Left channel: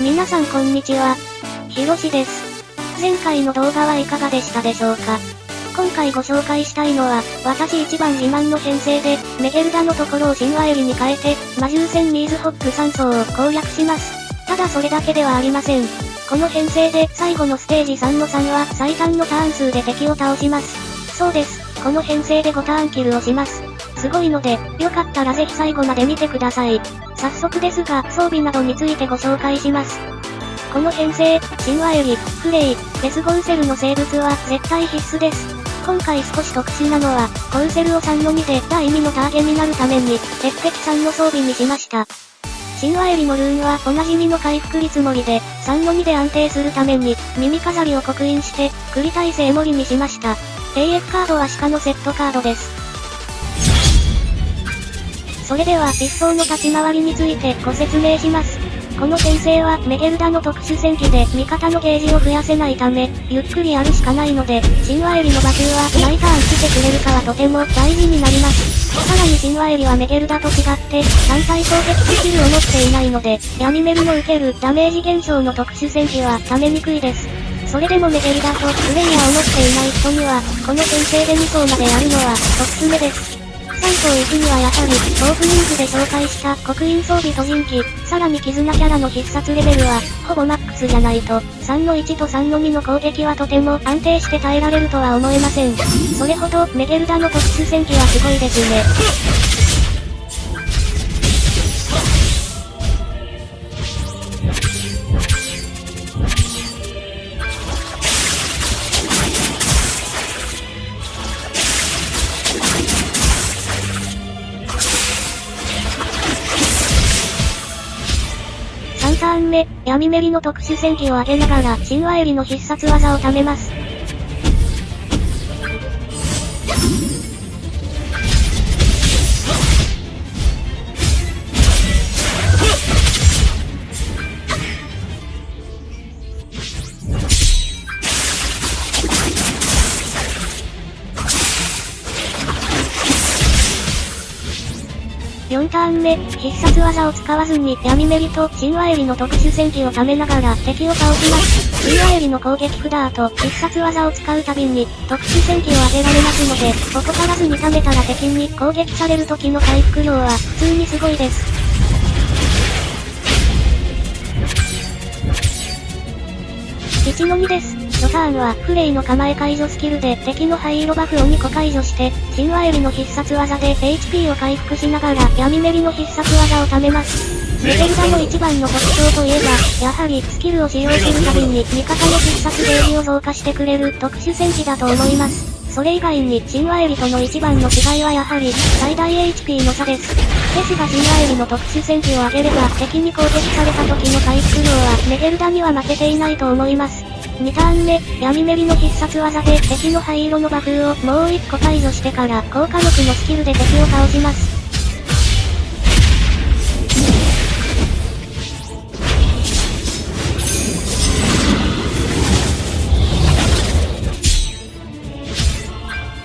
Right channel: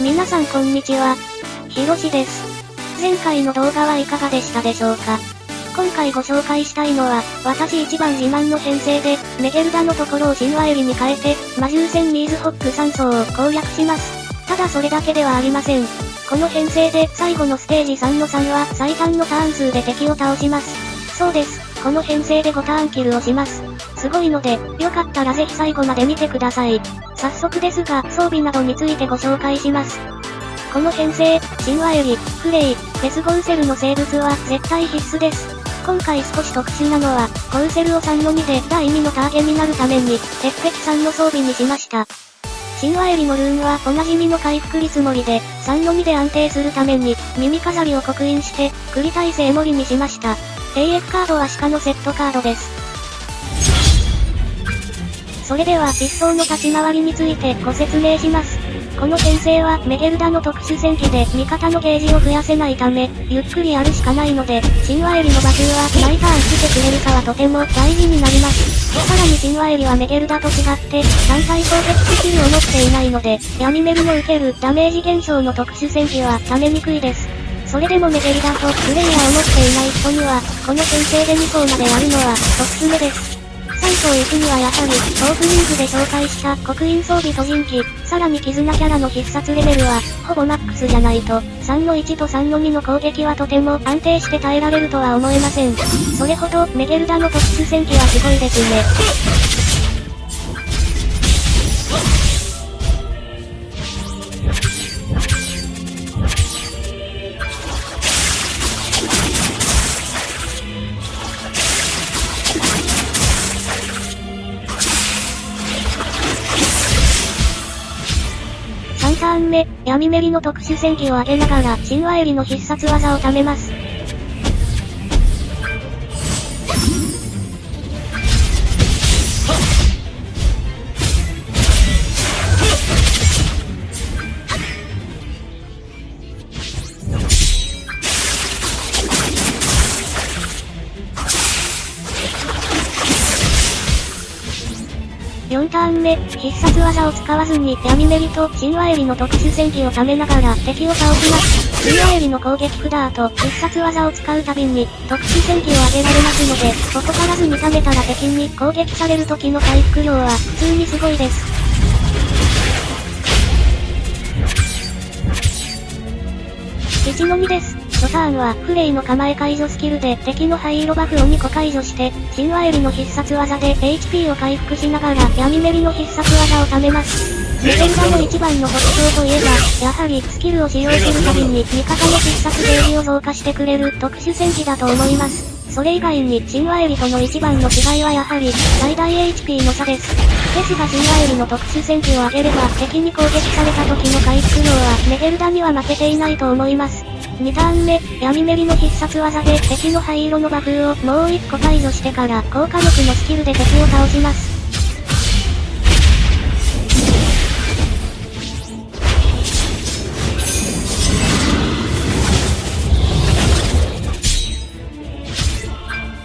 皆さんこんにちは。ひろしです。前回の動画はいかがでしたでしょうか。今回ご紹介したいのは、私一番自慢の編成で、メゲルダのところを神話エリに変えて、魔獣戦ミーズホック3層を攻略します。ただそれだけではありません。この編成で最後のステージ3の3は最短のターン数で敵を倒します。そうです。この編成で5ターンキルをします。すごいので、よかったらぜひ最後まで見てください。早速ですが、装備などについてご紹介します。この編成、神話エリ、フレイ、デスゴウセルの生物は絶対必須です。今回少し特殊なのは、ゴウセルを3の2で第2のターゲになるために、鉄壁3の装備にしました。神話エリのルーンはおなじみの回復率盛りで、3の2で安定するために、耳飾りを刻印して、繰り耐性盛りにしました。AF カードは鹿のセットカードです。それでは一層の立ち回りについてご説明します。この編成はメゲルダの特殊戦技で味方のゲージを増やせないため、ゆっくりやるしかないので、神話エリの馬球は毎ターン来てくれるかはとても大事になります。さらに神話エリはメゲルダと違って単体攻撃スキルを持っていないので、闇メルの受けるダメージ減少の特殊戦技は溜めにくいです。それでもメゲルダとプレイヤーを持っていない人には、この編成で2層までやるのはおすすめです。3層行くにはやはり、オープニングで紹介した刻印装備と人気、さらに絆キャラの必殺レベルは、ほぼマックスじゃないと、3の1と3の2の攻撃はとても安定して耐えられるとは思えません。それほどメゲルダの特殊戦技はすごいですね。3ターン目、闇メリの特殊戦技を上げながら神話エリの必殺技を貯めます。4ターン目、必殺技を使わずに闇メリと神話エリの特殊戦技を貯めながら敵を倒します。神話エリの攻撃札と必殺技を使うたびに特殊戦技を上げられますので、怠らずに貯めたら敵に攻撃される時の回復量は普通にすごいです。1の2です。初ターンはフレイの構え解除スキルで敵の灰色バフを2個解除して、神話エリの必殺技で HP を回復しながら闇メリの必殺技を貯めます。メゲルダの一番の特徴といえば、やはりスキルを使用するたびに味方の必殺ゲージを増加してくれる特殊戦技だと思います。それ以外に神話エリとの一番の違いはやはり最大 HP の差です。ですが神話エリの特殊戦技を上げれば敵に攻撃された時の回復量はメゲルダには負けていないと思います。2ターン目、闇メリの必殺技で敵の灰色のバフをもう1個解除してから効果力のスキルで敵を倒します。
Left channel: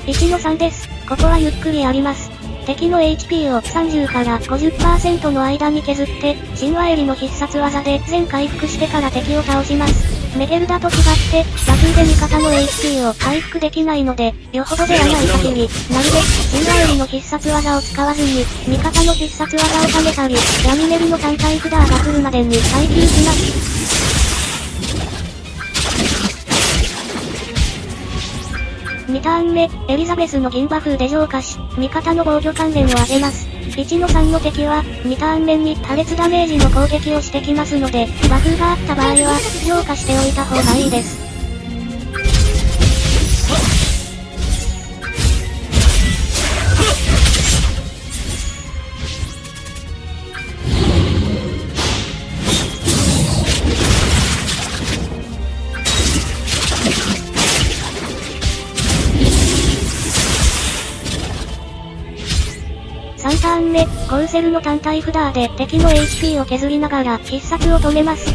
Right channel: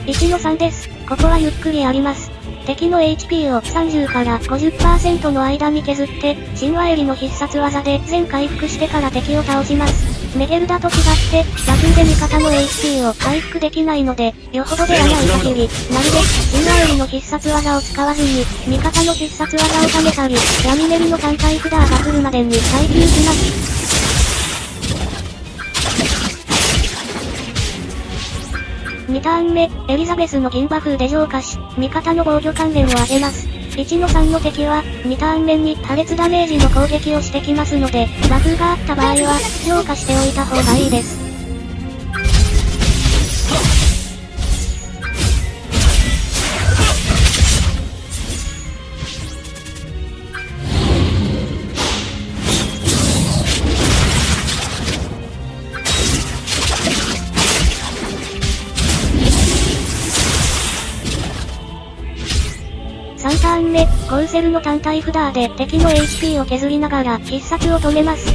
1の3です。ここはゆっくりやります。敵の HP を30から 50% の間に削って、神話エリの必殺技で全回復してから敵を倒します。メゲルダと違って、バフで味方の HP を回復できないので、よほどではない限り、なるべく神話エリの必殺技を使わずに、味方の必殺技を貯めたり、闇メリの単体札が来るまでに耐久します。2ターン目、エリザベスの銀バフで浄化し、味方の防御関連を上げます。1の3の敵は、2ターン目に破裂ダメージの攻撃をしてきますので、バフがあった場合は、浄化しておいた方がいいです。3ターン目、ゴウセルの単体札で敵の HP を削りながら必殺を止めます。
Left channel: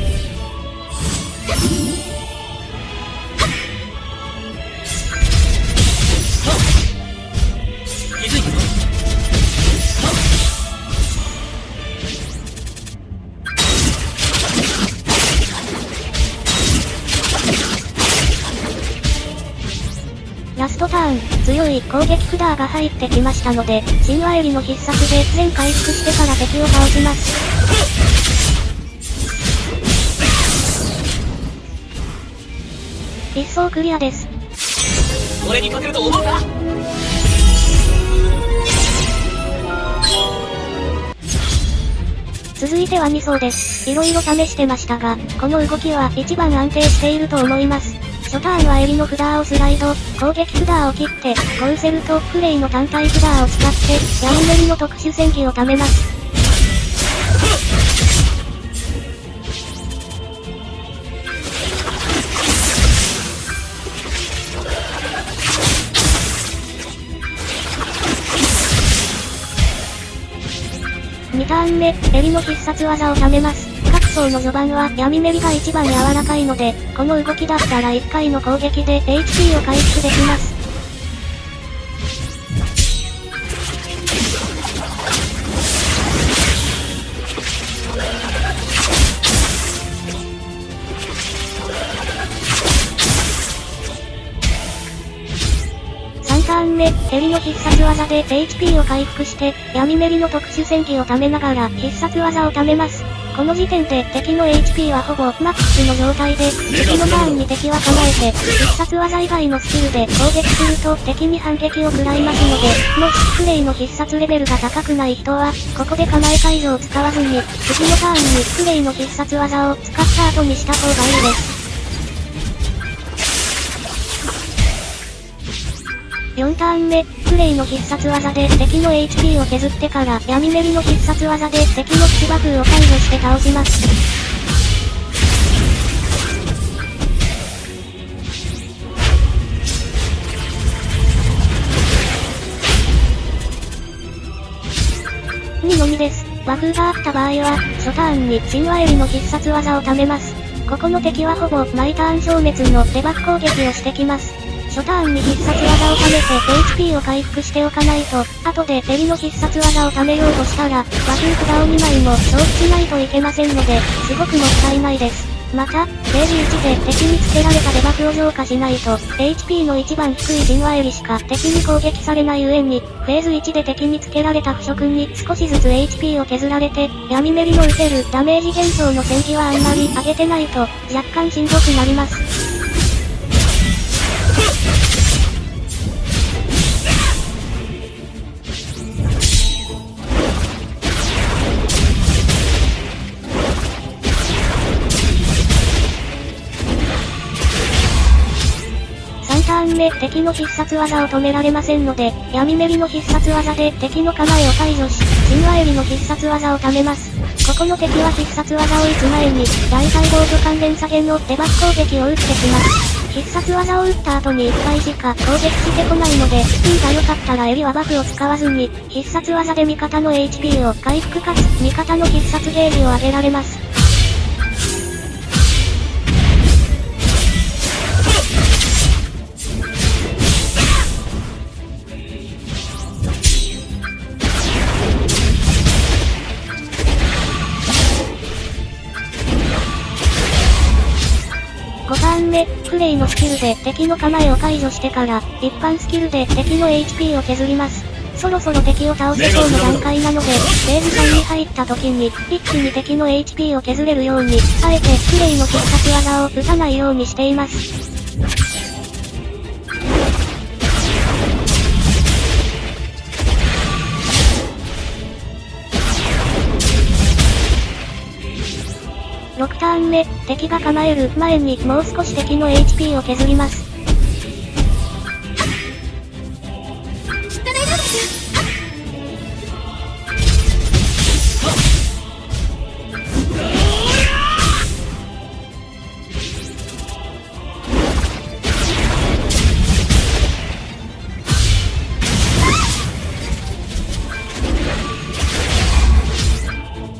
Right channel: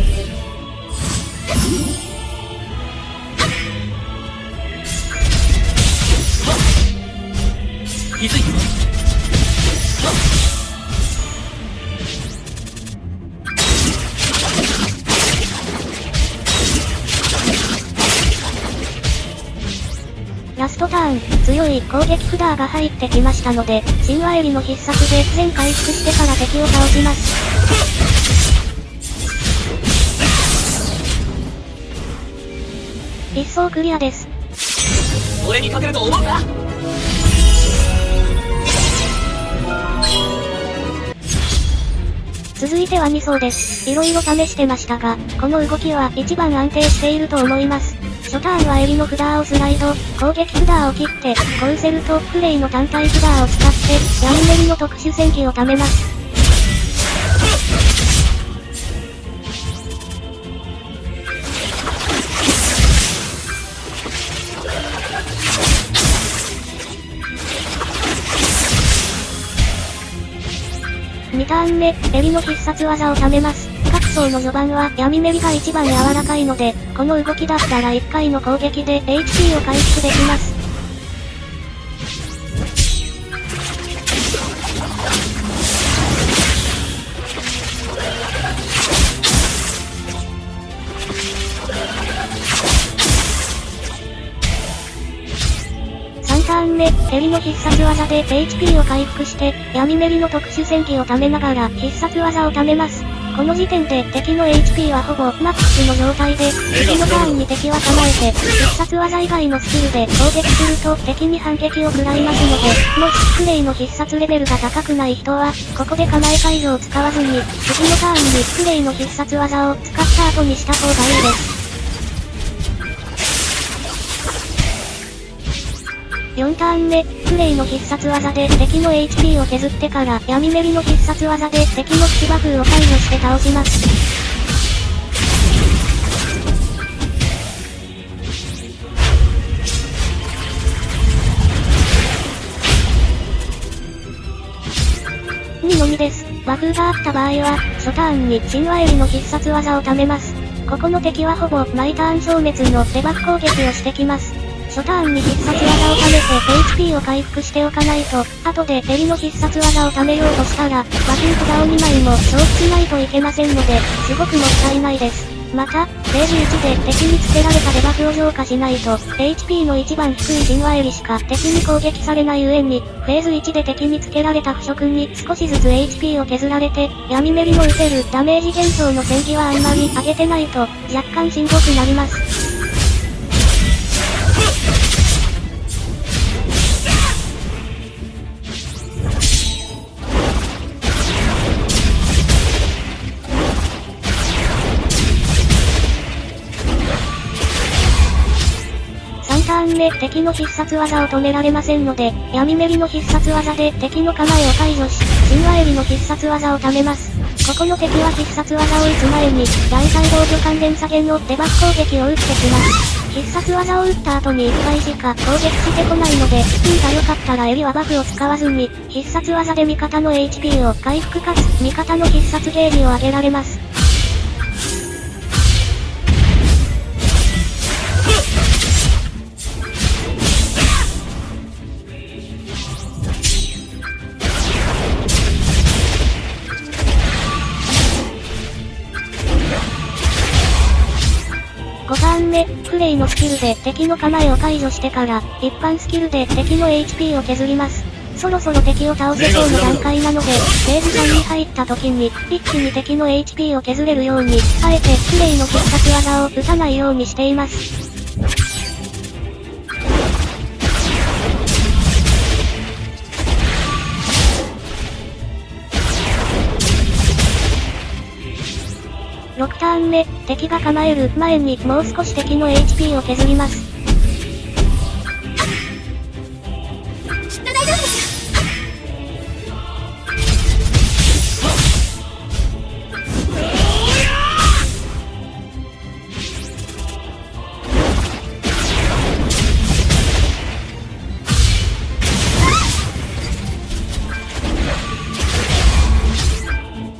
ラストターン、強い攻撃札が入ってきましたので、神話襟の必殺で全回復してから敵を倒します。一層クリアです。俺に勝てると思うか？続いては2層です。色々試してましたが、この動きは一番安定していると思います。初ターンは襟の札をスライド、攻撃札を切って、ゴウセルとクレイの単体札を使って、闇メリの特殊戦技を貯めます。2ターン目、襟の必殺技を貯めます。各層の序盤は闇メリが一番柔らかいので、この動きだったら1回の攻撃で HP を回復できます。3ターン目、襟の必殺技で HP を回復して、闇メリの特殊戦技を貯めながら必殺技を貯めます。この時点で敵の HP はほぼマックスの状態で、次のターンに敵は構えて、必殺技以外のスキルで攻撃すると敵に反撃を食らいますので、もしクレイの必殺レベルが高くない人は、ここで構え解除を使わずに、次のターンにクレイの必殺技を使った後にした方がいいです。4ターン目、クレイの必殺技で敵の HP を削ってから闇メリの必殺技で敵の口爆風を解除して倒します。2の2です。バフがあった場合は、初ターンに神話襟の必殺技を貯めます。ここの敵はほぼ毎ターン消滅のデバフ攻撃をしてきます。初ターンに必殺技を貯めて HP を回復しておかないと、後で襟の必殺技を貯めようとしたら、バフ札を2枚も消費しないといけませんので、すごくもったいないです。また、フェーズ1で敵につけられたデバフを浄化しないと、HP の一番低い神話襟しか敵に攻撃されない上に、フェーズ1で敵につけられた腐食に少しずつ HP を削られて、闇メリの受けるダメージ減少の戦技はあんまり上げてないと、若干しんどくなります。3ターン目、敵の必殺技を止められませんので、闇メリの必殺技で敵の構えを解除し、神話襟の必殺技を貯めます。ここの敵は必殺技を打つ前に、大細胞助関連下げのデバフ攻撃を打ってきます。必殺技を打った後に1回しか攻撃してこないので、運が良かったら襟はバフを使わずに、必殺技で味方の HP を回復かつ、味方の必殺ゲージを上げられます。5ターン目、クレイのスキルで敵の構えを解除してから、一般スキルで敵の HP を削ります。そろそろ敵を倒せそうな段階なので、フェーズ3に入った時に、一気に敵の HP を削れるように、あえてクレイの必殺技を打たないようにしています。6ターン目、敵が構える前にもう少し敵の HP を削ります。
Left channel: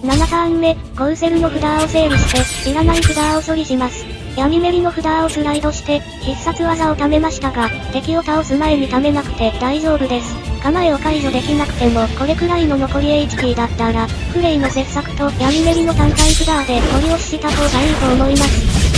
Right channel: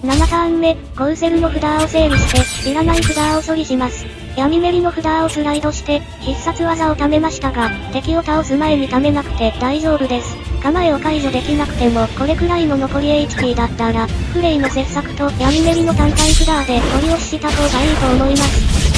7ターン目、ゴウセルの札を整理して、いらない札を処理します。闇メリの札をスライドして、必殺技を貯めましたが、敵を倒す前に貯めなくて大丈夫です。構えを解除できなくても、これくらいの残り HP だったら、クレイの切削と闇メリの単体札でゴリ押しした方がいいと思います。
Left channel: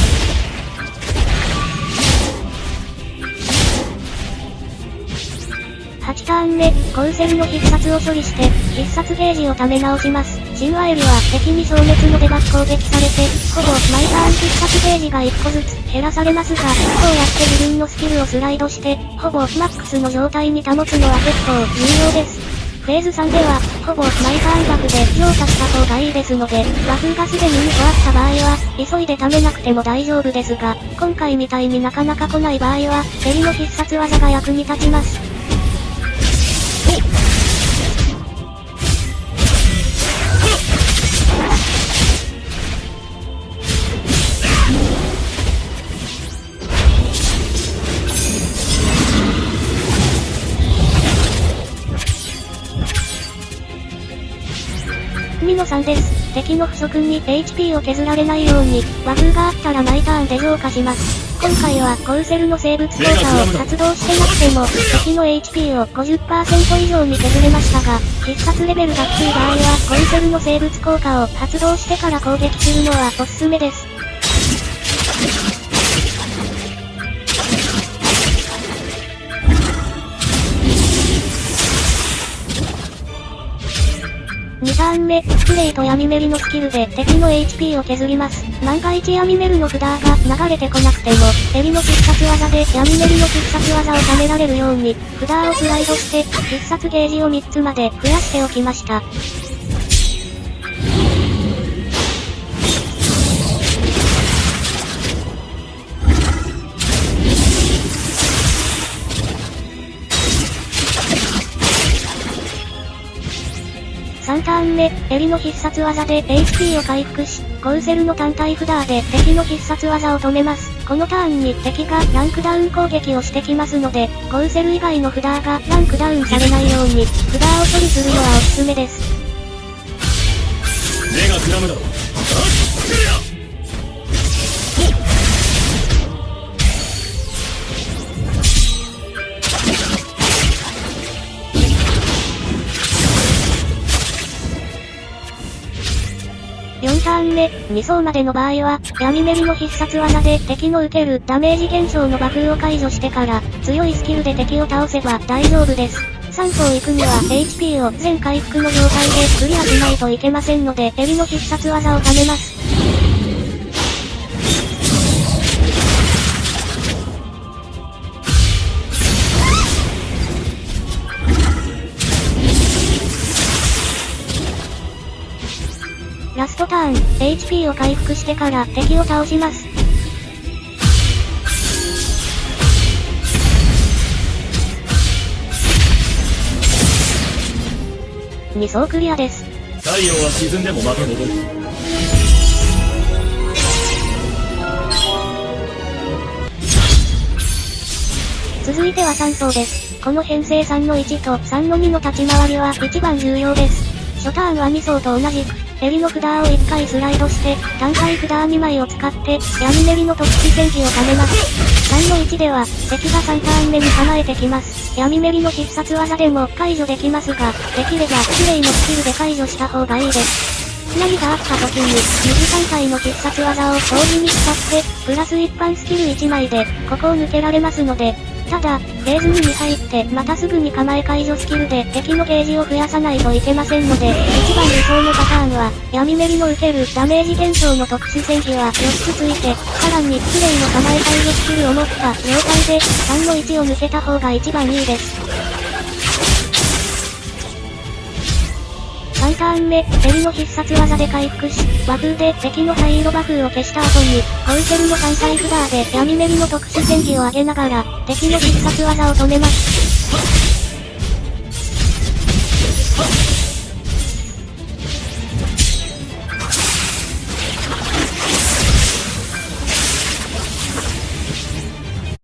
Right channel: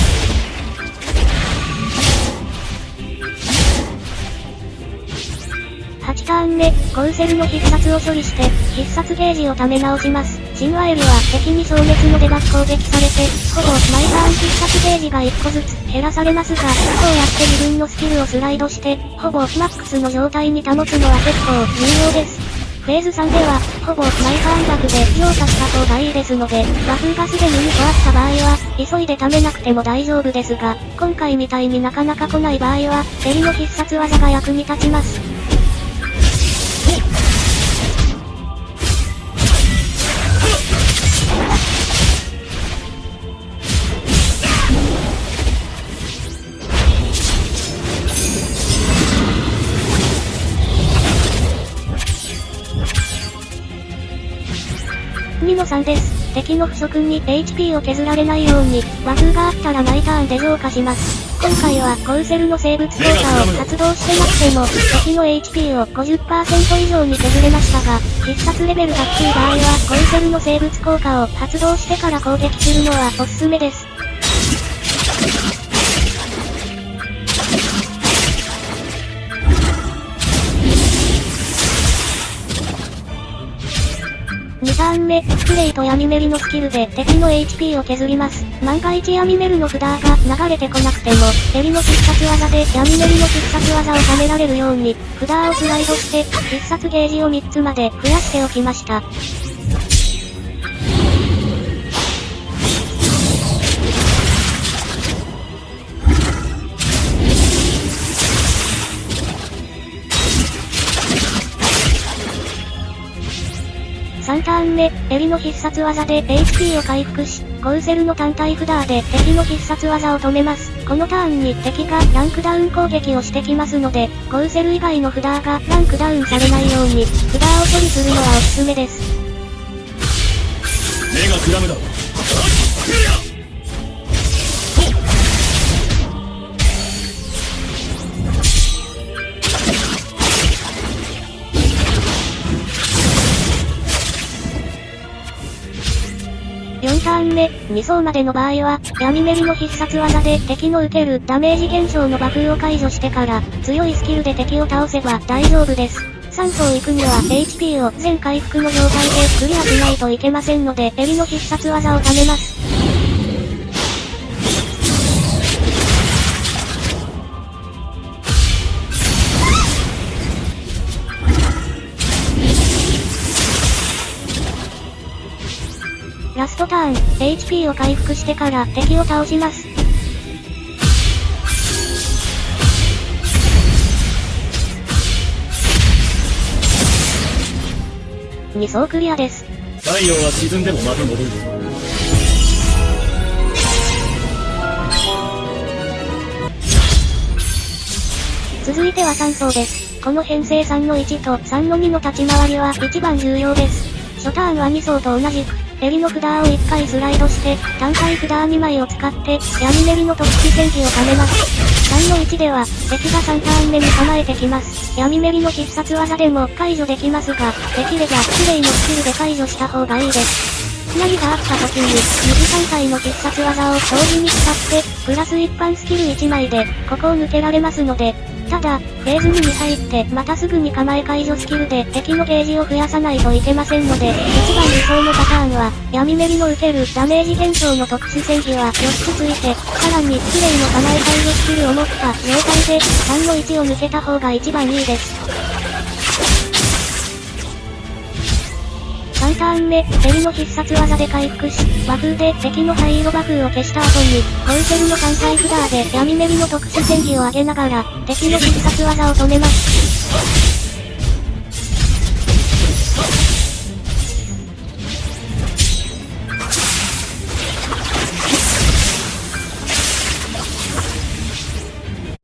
8ターン目、コウセルの必殺を処理して、必殺ゲージを貯め直します。神話エリは敵に消滅のデバフ攻撃されて、ほぼ毎ターン必殺ゲージが1個ずつ減らされますが、こうやって自分のスキルをスライドして、ほぼマックスの状態に保つのは結構重要です。フェーズ3では、ほぼ毎ターンバフで強化した方がいいですので、バフがすでに2個あった場合は、急いで貯めなくても大丈夫ですが、今回みたいになかなか来ない場合は、エリの必殺技が役に立ちます。2の3です。敵の腐食に HP を削られないように、バフがあったら毎ターンで浄化します。今回はコウセルの生物効果を発動してなくても、敵の HP を 50% 以上に削れましたが、必殺レベルが低い場合は、コウセルの生物効果を発動してから攻撃するのはおすすめです。2ターン目、スプレイと闇メリのスキルで敵の HP を削ります。万が一闇メルの札が流れてこなくても、エリの必殺技で闇メリの必殺技を貯められるように、札をスライドして、必殺ゲージを3つまで増やしておきました。3ターン目、エリの必殺技で HP を回復し、コウセルの単体札で敵の必殺技を止めます。このターンに敵がランクダウン攻撃をしてきますので、コウセル以外の札がランクダウンされないように、札を処理するのはおすすめです。目がくらむだろう。4ターン目、2層までの場合は、闇メリの必殺技で敵の受けるダメージ減少のバフを解除してから、強いスキルで敵を倒せば大丈夫です。3層行くには HP を全回復の状態でクリアしないといけませんので、エリの必殺技を貯めます。ラストターン、HP を回復してから敵を倒します。2層クリアです。太陽が沈んでもまた戻る。続いては3層です。この編成3の1と3の2の立ち回りは一番重要です。初ターンは2層と同じく、エリの札を1回スライドして、単体札2枚を使って、闇メリの特殊戦技を貯めます。3の1では、敵が3ターン目に構えてきます。闇メリの必殺技でも解除できますが、できればスプレイのスキルで解除した方がいいです。何があった時に、右3体の必殺技を同時に使って、プラス一般スキル1枚で、ここを抜けられますので、ただ、フェーズ2に入って、またすぐに構え解除スキルで敵のゲージを増やさないといけませんので、一番理想のパターンは、闇メリの受けるダメージ減少の特殊戦技は4つついて、さらにスプレイの構え解除スキルを持った状態で、3の1を抜けた方が一番いいです。3ターン目、エリの必殺技で回復し、和風で敵の灰色バフを消した後に、コウセルの単体札で闇メリの特殊戦技を上げながら、敵の必殺技を止めます。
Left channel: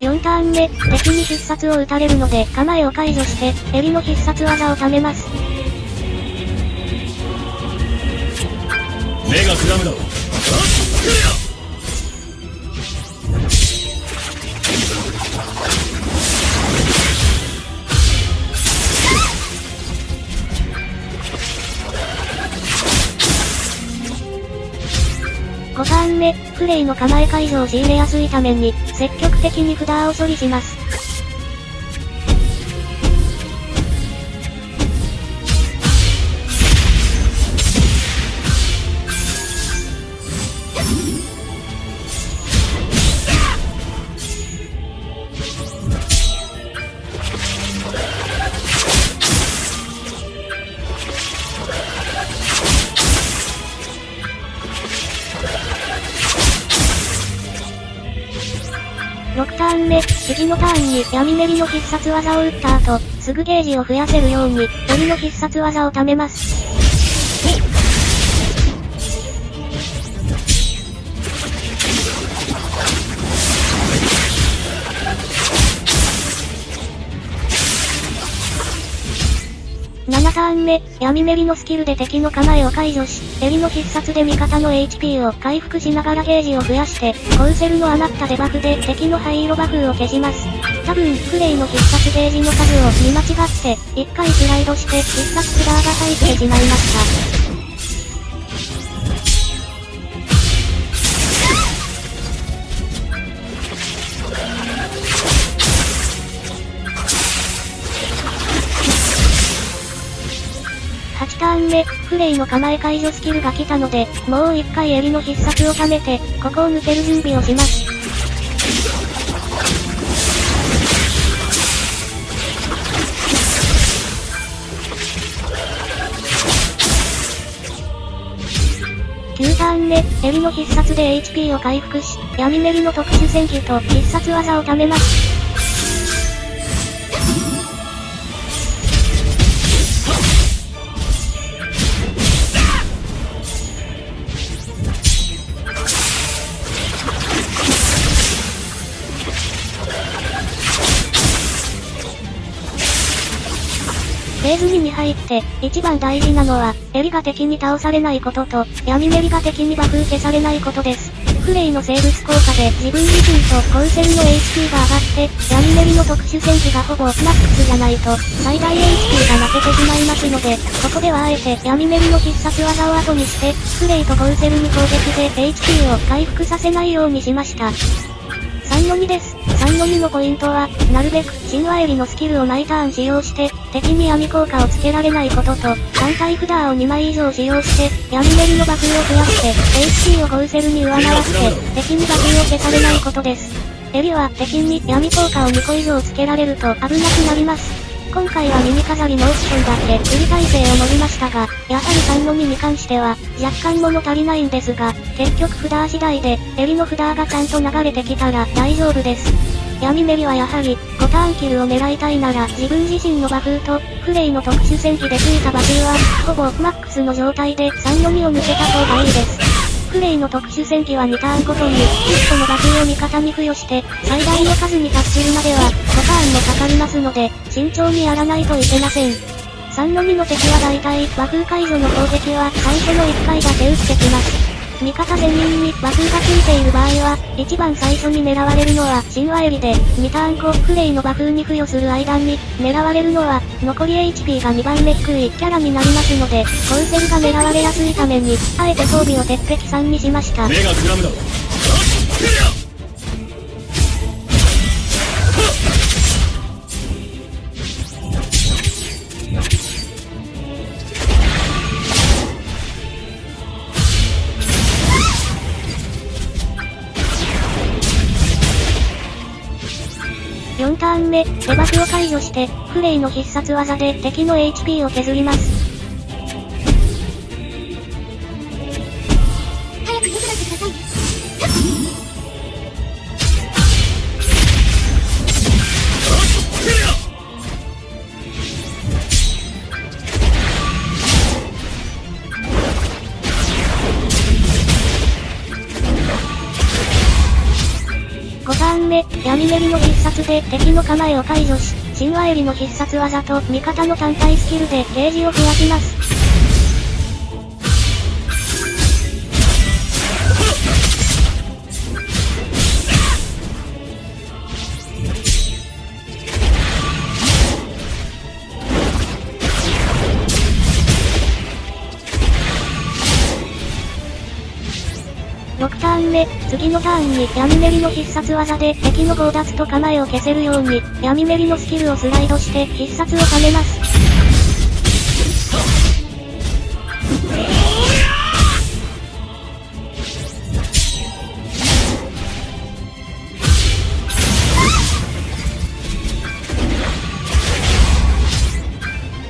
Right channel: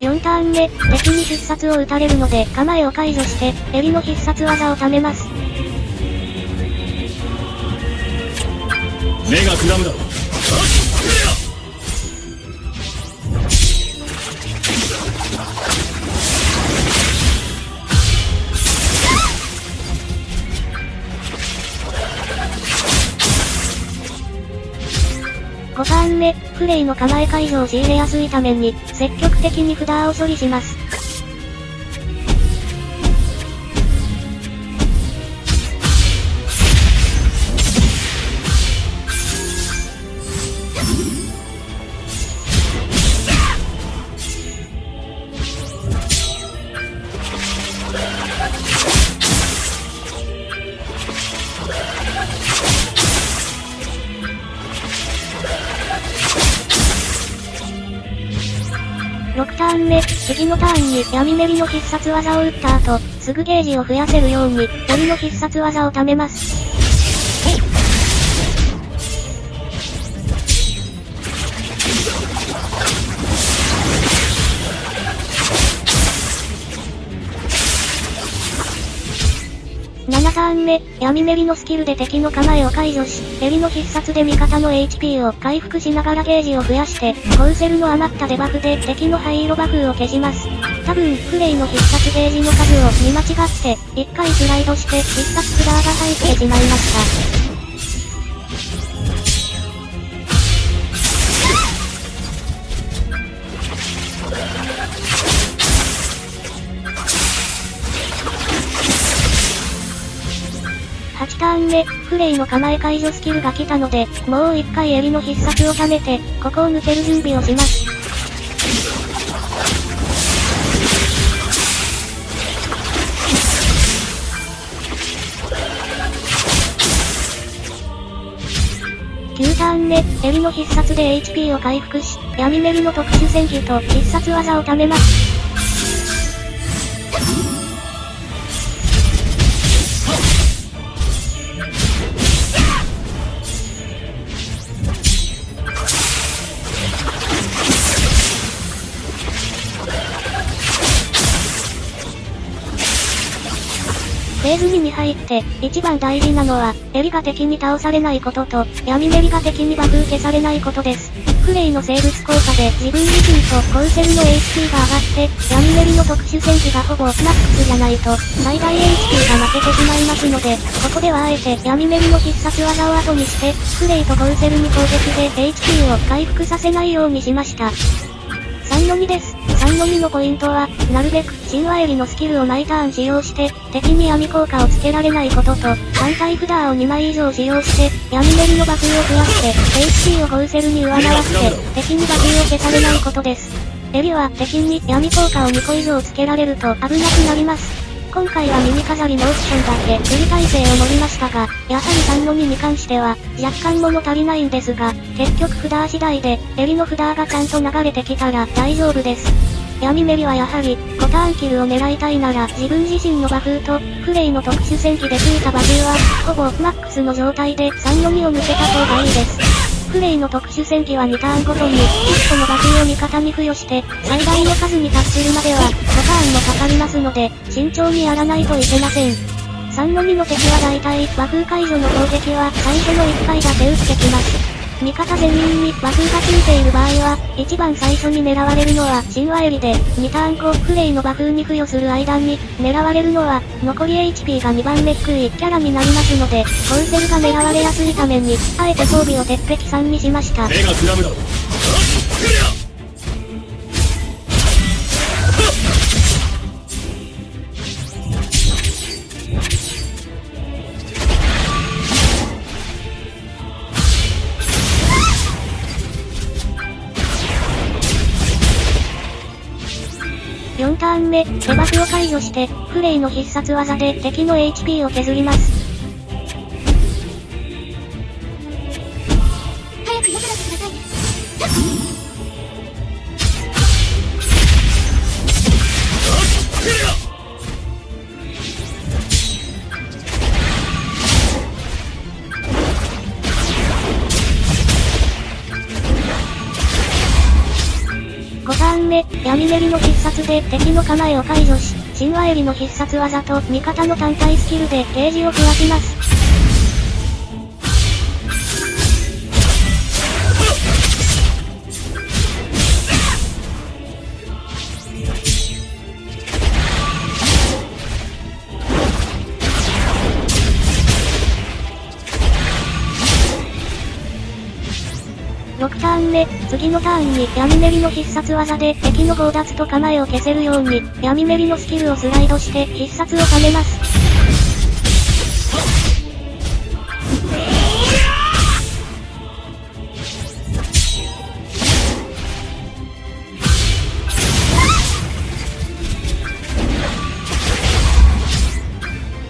4ターン目、敵に必殺を打たれるので構えを解除して、エリの必殺技を貯めます。目がくらむだろう。5ターン目、フレイの構え解除を仕入れやすいために、積極的に札を処理します。6ターン目、次のターンに闇メリの必殺技を打った後、すぐゲージを増やせるように、エリの必殺技を貯めます。7ターン目、闇メリのスキルで敵の構えを解除し、エリの必殺で味方の HP を回復しながらゲージを増やして、コウセルの余ったデバフで敵の灰色バフを消します。多分、フレイの必殺ゲージの数を見間違って、1回スライドして必殺札が入ってしまいました。8ターン目、フレイの構え解除スキルが来たので、もう1回エリの必殺を貯めて、ここを抜ける準備をします。9ターン目、エリの必殺で HP を回復し、闇メリの特殊戦技と必殺技を貯めます。フェーズ2に入って、一番大事なのは、エリが敵に倒されないことと、闇メリが敵にバフ消されないことです。フレイの生物効果で自分自身とコウセルの HP が上がって、闇メリの特殊戦技がほぼマックスじゃないと、最大 HP が負けてしまいますので、ここではあえて闇メリの必殺技を後にして、フレイとコウセルに攻撃で HP を回復させないようにしました。3-2です。3-2のポイントは、なるべく、神話エリのスキルを毎ターン使用して、敵に闇効果をつけられないことと、単体札を2枚以上使用して、闇メリのバフを増やして、HP をコウセルに上回って、敵にバフを消されないことです。エリは敵に闇効果を2個以上つけられると危なくなります。今回は耳飾りのオプションだけ振り耐性を盛りましたが、やはり3-2に関しては、若干物足りないんですが、結局札次第で、エリの札がちゃんと流れてきたら大丈夫です。闇メリはやはり、5ターンキルを狙いたいなら自分自身のバフと、フレイの特殊戦技でついたバフは、ほぼマックスの状態で3-2を抜けた方がいいです。フレイの特殊戦技は2ターンごとに、1個のバフを味方に付与して、最大の数に達するまでは、5ターンもかかりますので、慎重にやらないといけません。3-2の敵は大体、和風解除の攻撃は最初の1回だけ打ってきます。味方全員に和風がついている場合は、一番最初に狙われるのは神話エリで、2ターン後、フレイの和風に付与する間に、狙われるのは、残り HP が2番目低いキャラになりますので、コウセルが狙われやすいために、あえて装備を鉄壁3にしました。目がくらむだろう。4ターン目、デバフを解除して、フレイの必殺技で敵の HP を削ります。早く良くなってください。5ターン目、闇メリの必殺で敵の構えを解除し、神話エリの必殺技と味方の単体スキルでゲージを増やします。6ターン目、次のターンに闇メリの必殺技で敵の強奪と構えを消せるように、闇メリのスキルをスライドして必殺を貯めます。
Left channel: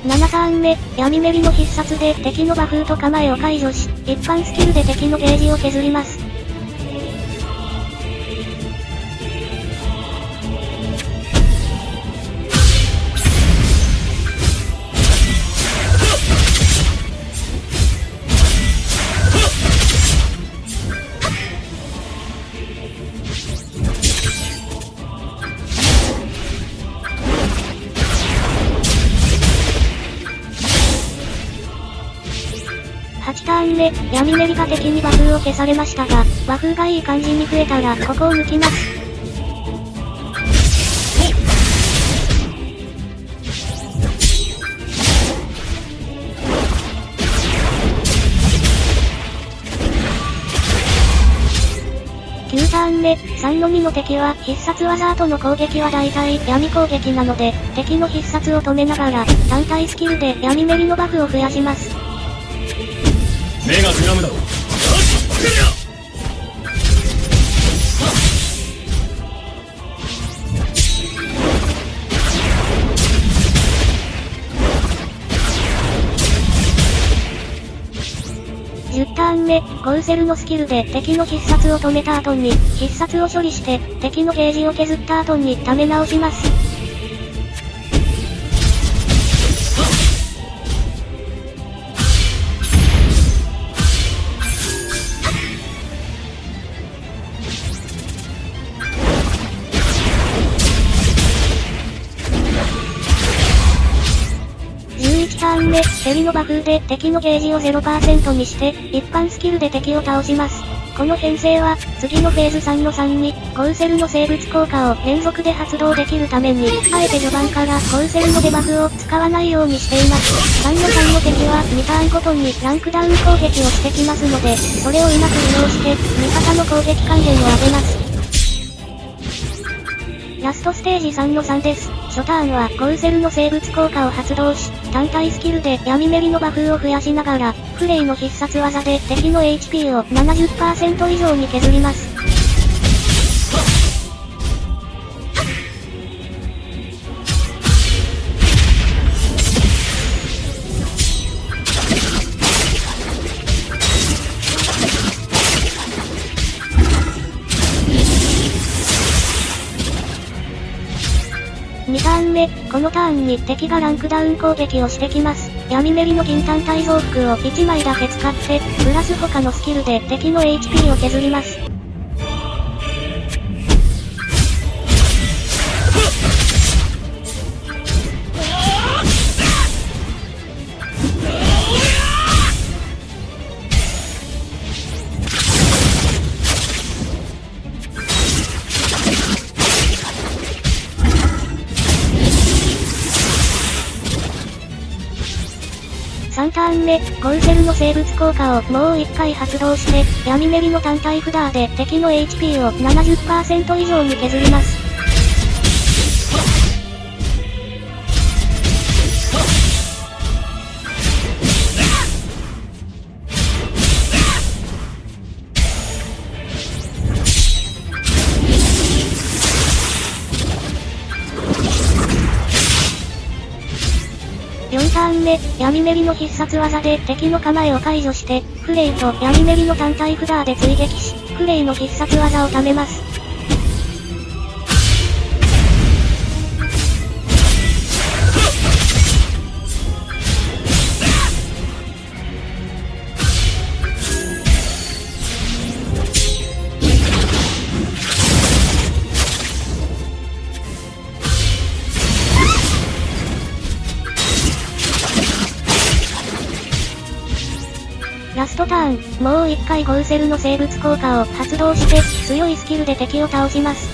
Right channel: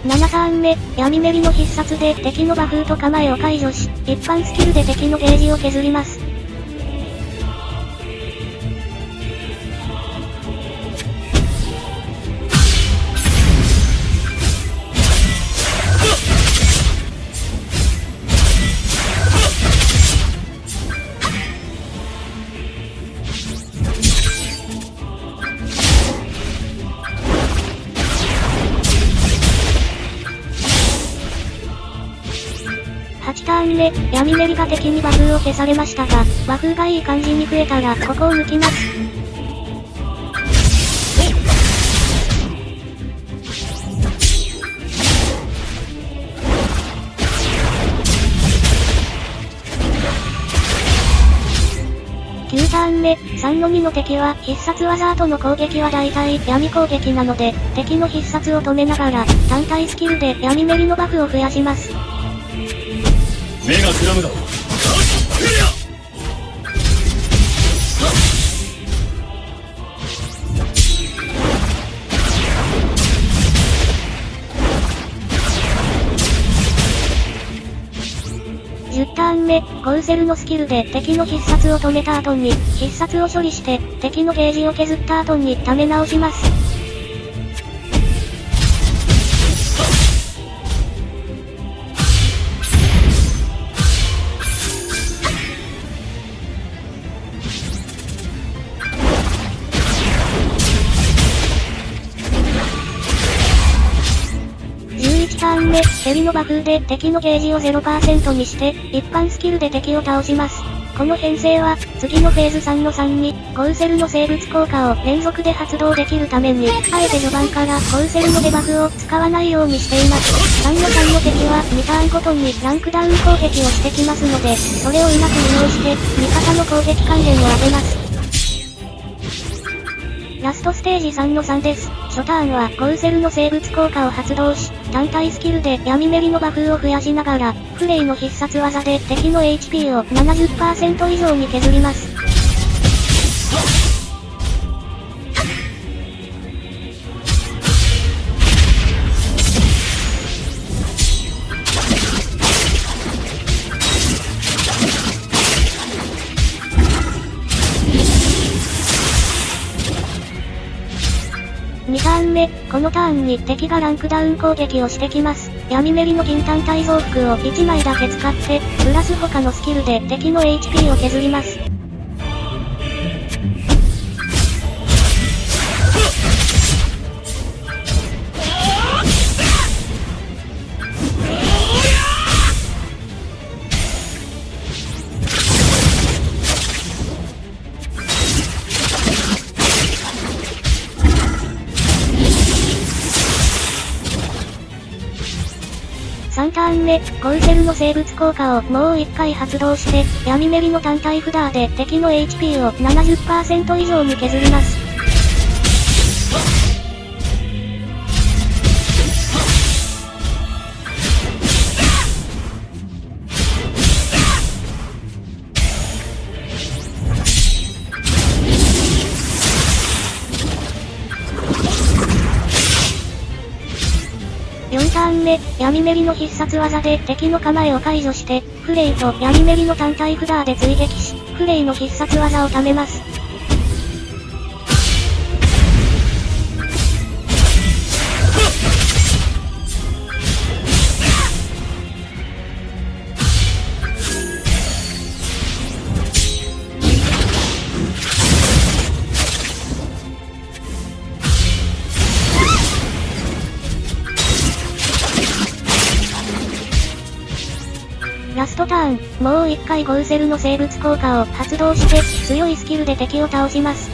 7ターン目、闇メリの必殺で敵のバフと構えを解除し、一般スキルで敵のゲージを削ります。ーン目、闇メリが敵に和風を消されましたが、和風がいい感じに増えたら、ここを抜きます。9ターン目、3の2の敵は必殺技後の攻撃は大体闇攻撃なので、敵の必殺を止めながら、単体スキルで闇メリのバフを増やします。目がくらむだろう。10ターン目、ゴウセルのスキルで敵の必殺を止めた後に、必殺を処理して、敵のゲージを削った後に溜め直します。11ターン目、セリのバフで敵のゲージを 0% にして、一般スキルで敵を倒します。この編成は、次のフェーズ3の3に、ゴウセルの生物効果を連続で発動できるために、あえて序盤からゴウセルのデバフを使わないようにしています。3の3の敵は2ターンごとにランクダウン攻撃をしてきますので、それをうまく利用して、味方の攻撃関連を上げます。ラストステージ3の3です。初ターンはゴウセルの生物効果を発動し、単体スキルで闇メリのバフを増やしながら、フレイの必殺技で敵の HP を 70% 以上に削ります。2ターン目、このターンに敵がランクダウン攻撃をしてきます。闇メリの銀単体増幅を1枚だけ使って、プラス他のスキルで敵の HP を削ります。3ターン目、ゴウセルの生物効果をもう1回発動して、闇メリの単体札で敵の HP を 70% 以上に削ります。4ターン目、闇メリの必殺技で敵の構えを解除して、フレイと闇メリの単体札で追撃し、フレイの必殺技を貯めます。ラストターン、もう一回ゴウセルの生物効果を発動して、強いスキルで敵を倒します。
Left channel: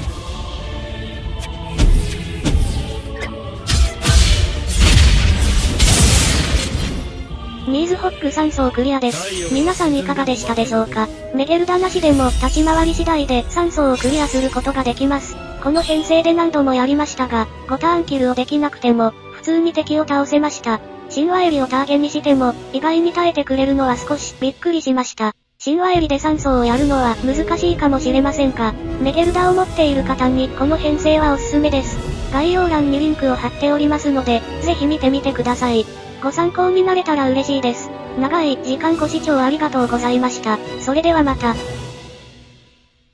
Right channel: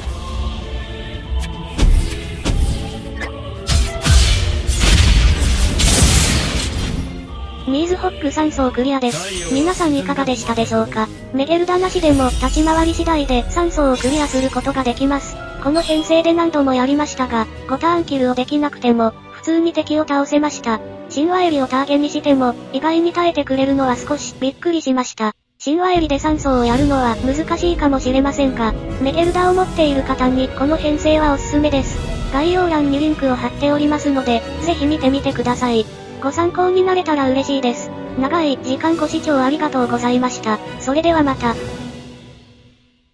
ミーズホック3層クリアです。皆さんいかがでしたでしょうか？メゲルダなしでも立ち回り次第で3層をクリアすることができます。この編成で何度もやりましたが、5ターンキルをできなくても、普通に敵を倒せました。神話エリをターゲにしても、意外に耐えてくれるのは少しびっくりしました。神話エリで3層をやるのは難しいかもしれませんが、メゲルダを持っている方にこの編成はおすすめです。概要欄にリンクを貼っておりますので、ぜひ見てみてください。ご参考になれたら嬉しいです。長い時間ご視聴ありがとうございました。それではまた。